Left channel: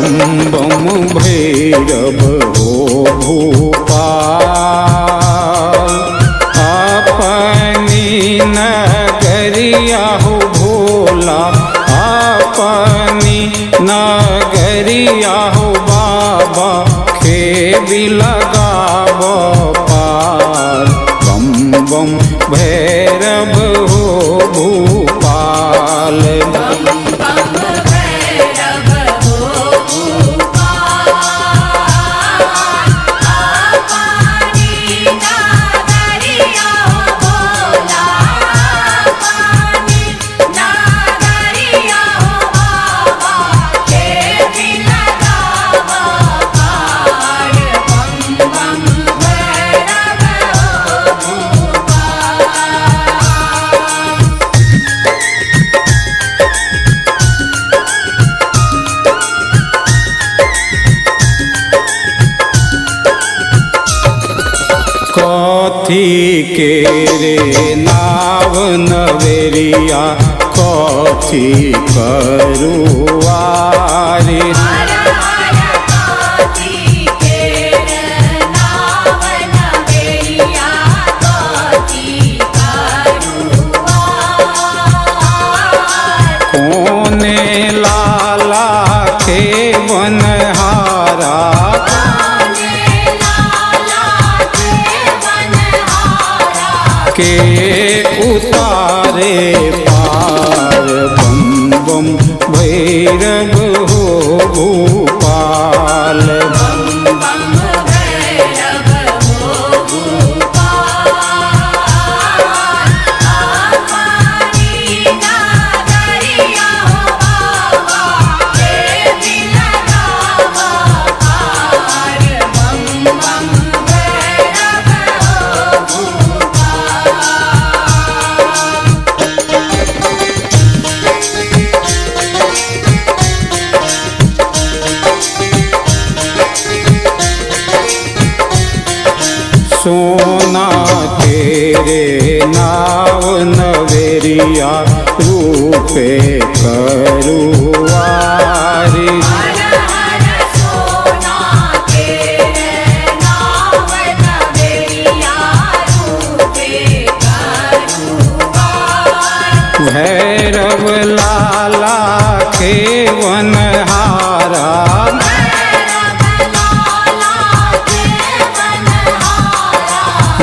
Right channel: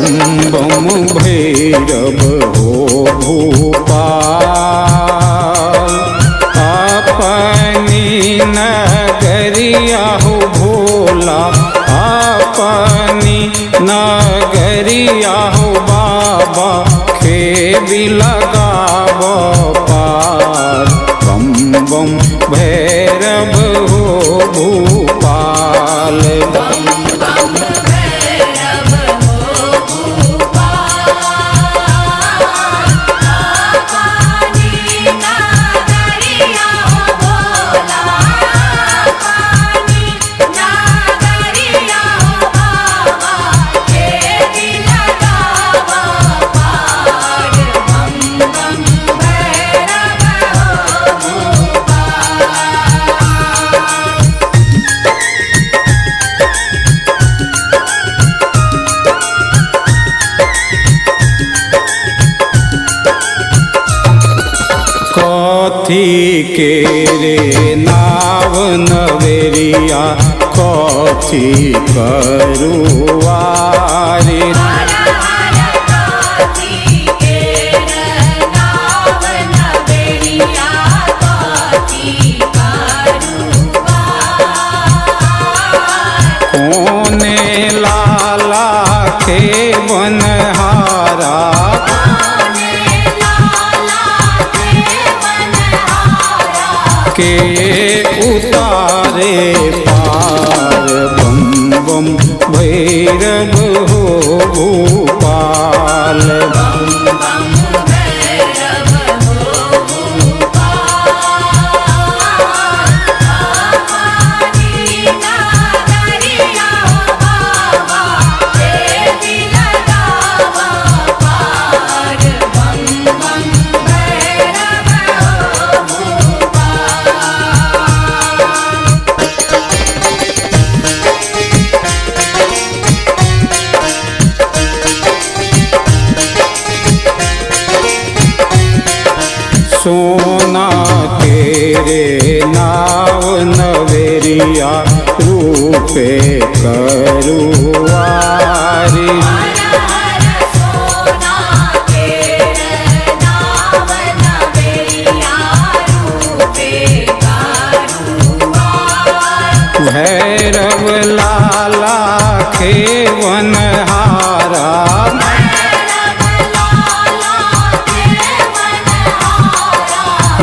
बम बम भैरव हो भूपाल। अपनी नगरिया हो भोला, अपनी नगरिया हो बाबा, खेबी लगाव पार। बम बम भैरव हो भूपाल। कथी के रे नाव नवेरिया, कथी करुआरे। कोने लाला के बनहारा, के उतारे पार। बम बम भैरव हो भूपाल। सोना के रे नाव नवेरिया, रूपे करुआरी। भैरव लाला के वनहारा,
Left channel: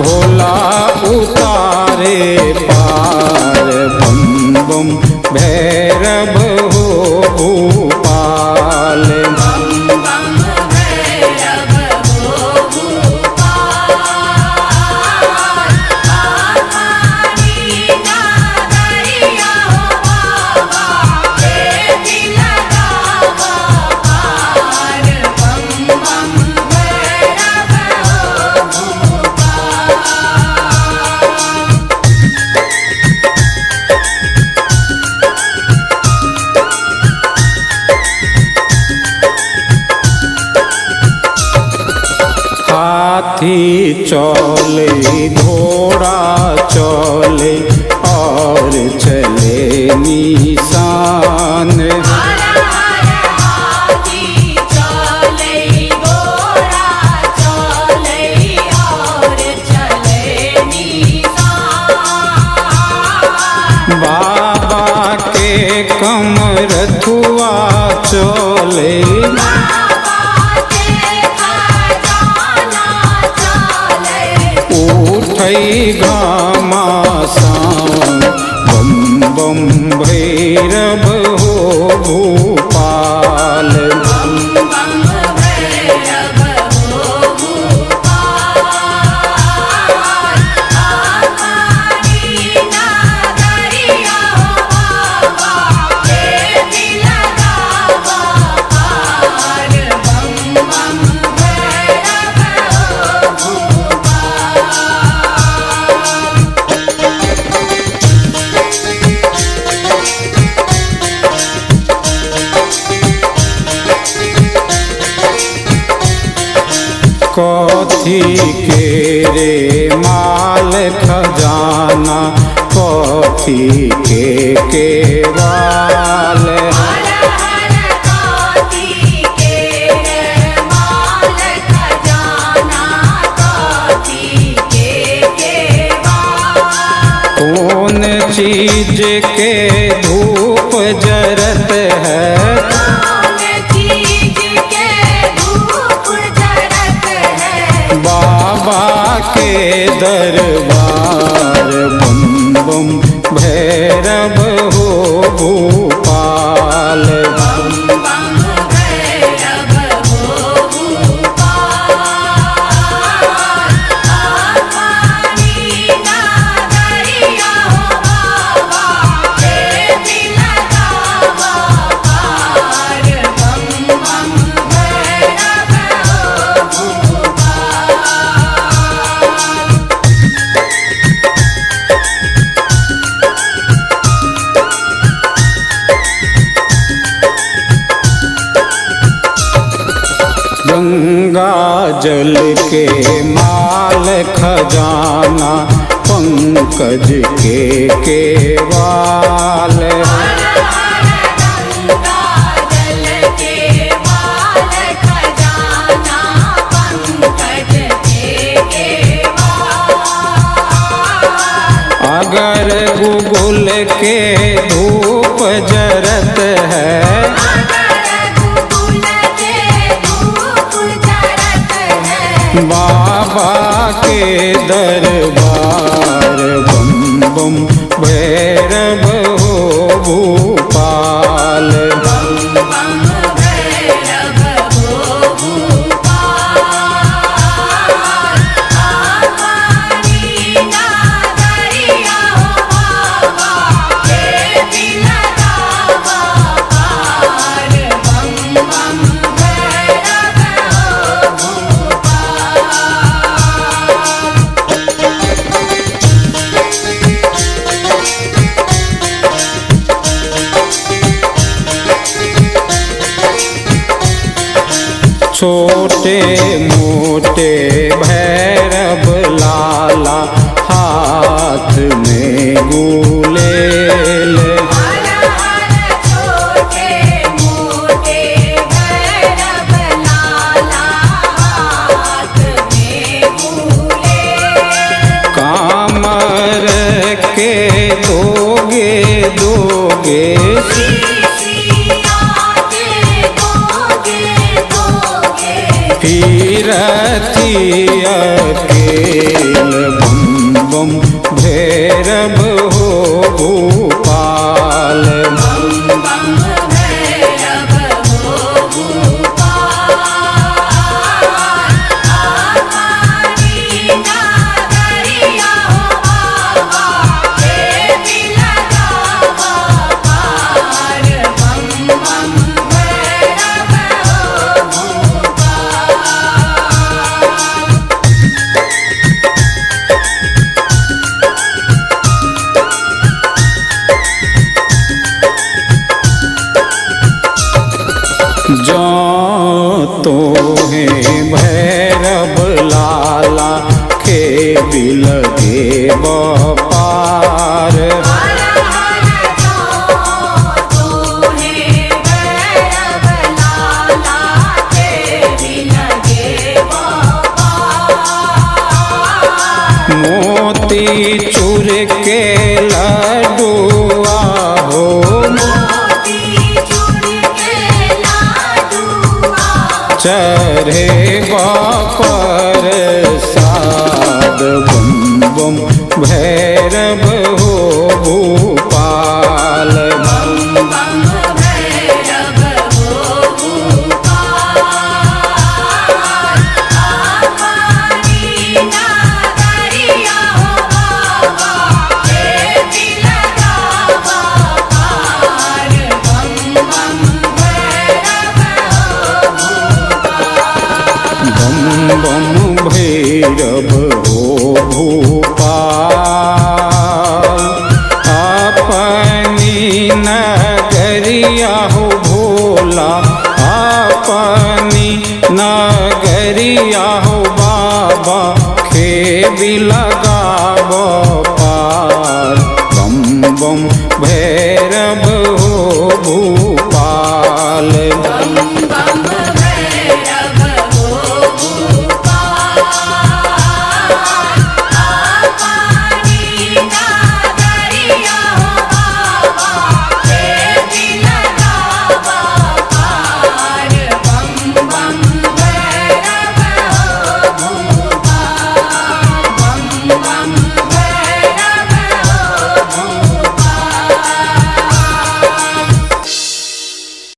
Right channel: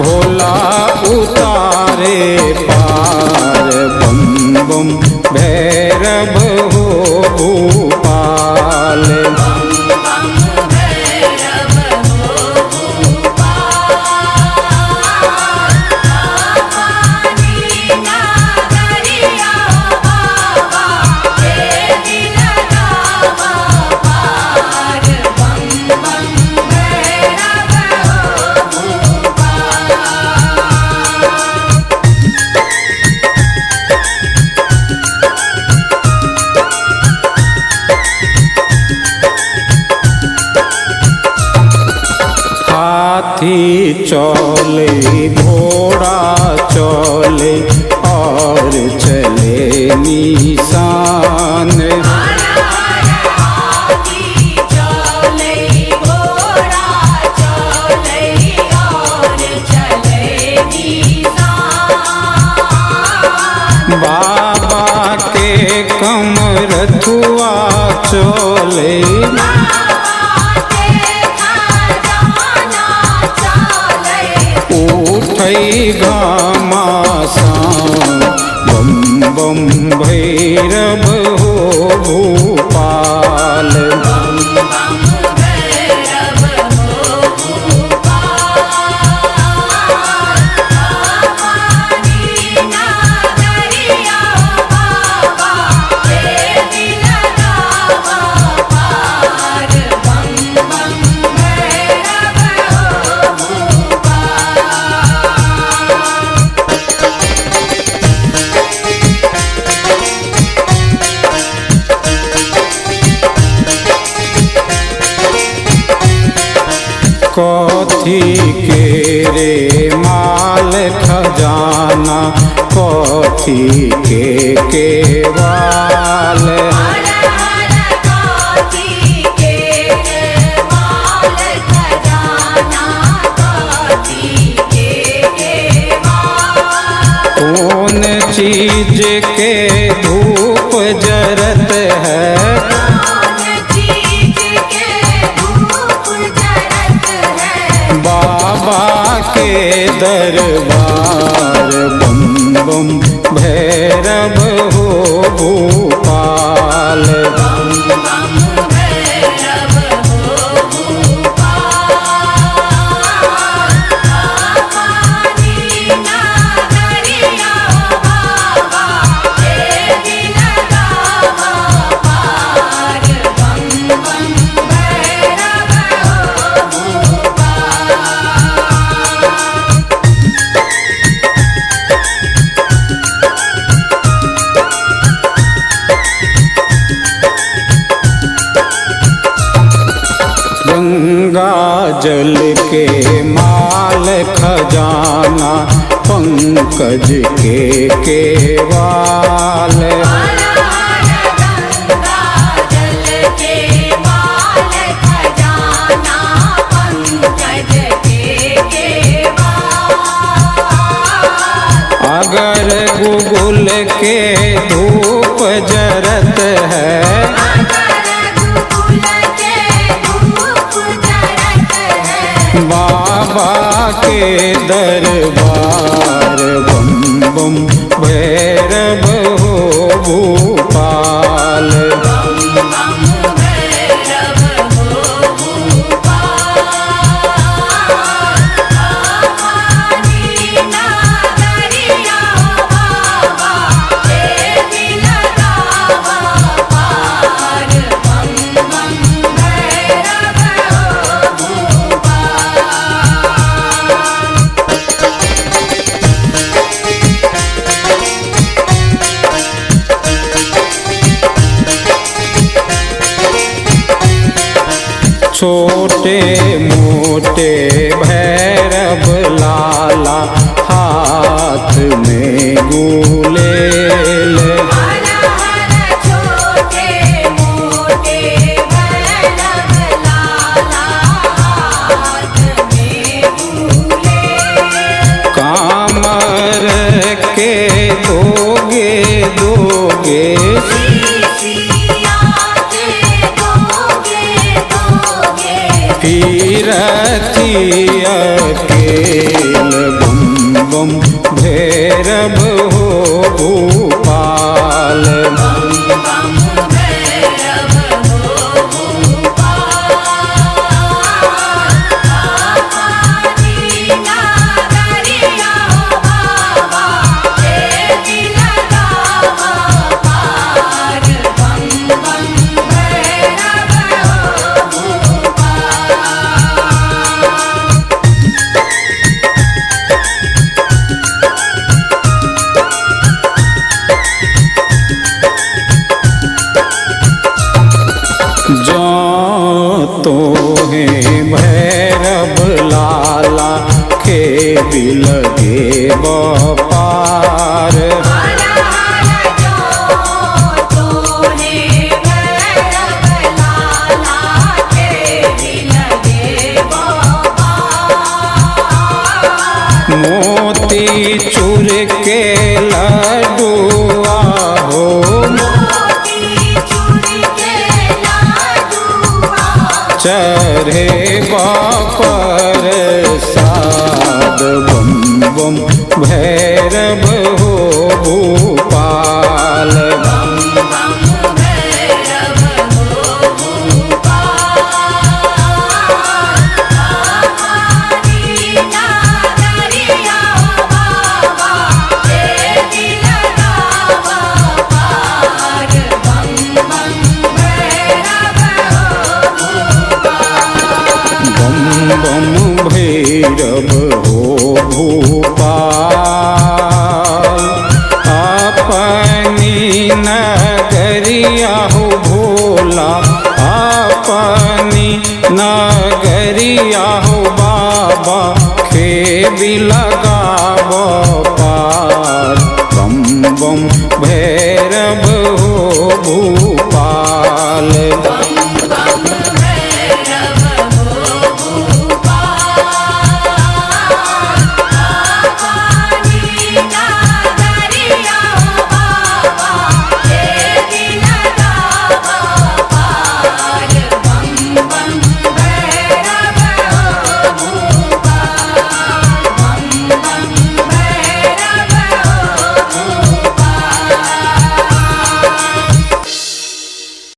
भोला उतारे पार। बम बम भैरव हो भूपाल। हाथी चले घोड़ा चले और चले निशान। बाबा के कमरथुआ चले, उठई घमासान। बम बम भैरव हो भूपाल। कथी के रे माल खजाना, कथी के केवाल। कथी के के दरबार बम बम भैरव हो भूपाल। गंगा जल के माल खजाना पंकज के केवाल। अगर गुगुल के धूप जरत है बाबा के दरबार बम बम भैरव हो भूपाल। छोटे मोटे भैरव लाला हाथ में गुलेल। कामर के दोगे दोगे तीरथी अकेल बम बम भैरव हो भूपाल। जो तो है भैरव लाला के भी लगे बपार। मोती चूर के लड्डुआ हो चढ़े बापर साद बम बम भैरव हो भूपाल। बम बम भैरव हो भूपाल। अपनी नगरिया हो भोला अपनी नगरिया हो बाबा खेबी लगाव पार। बम बम भैरव हो भूपाल।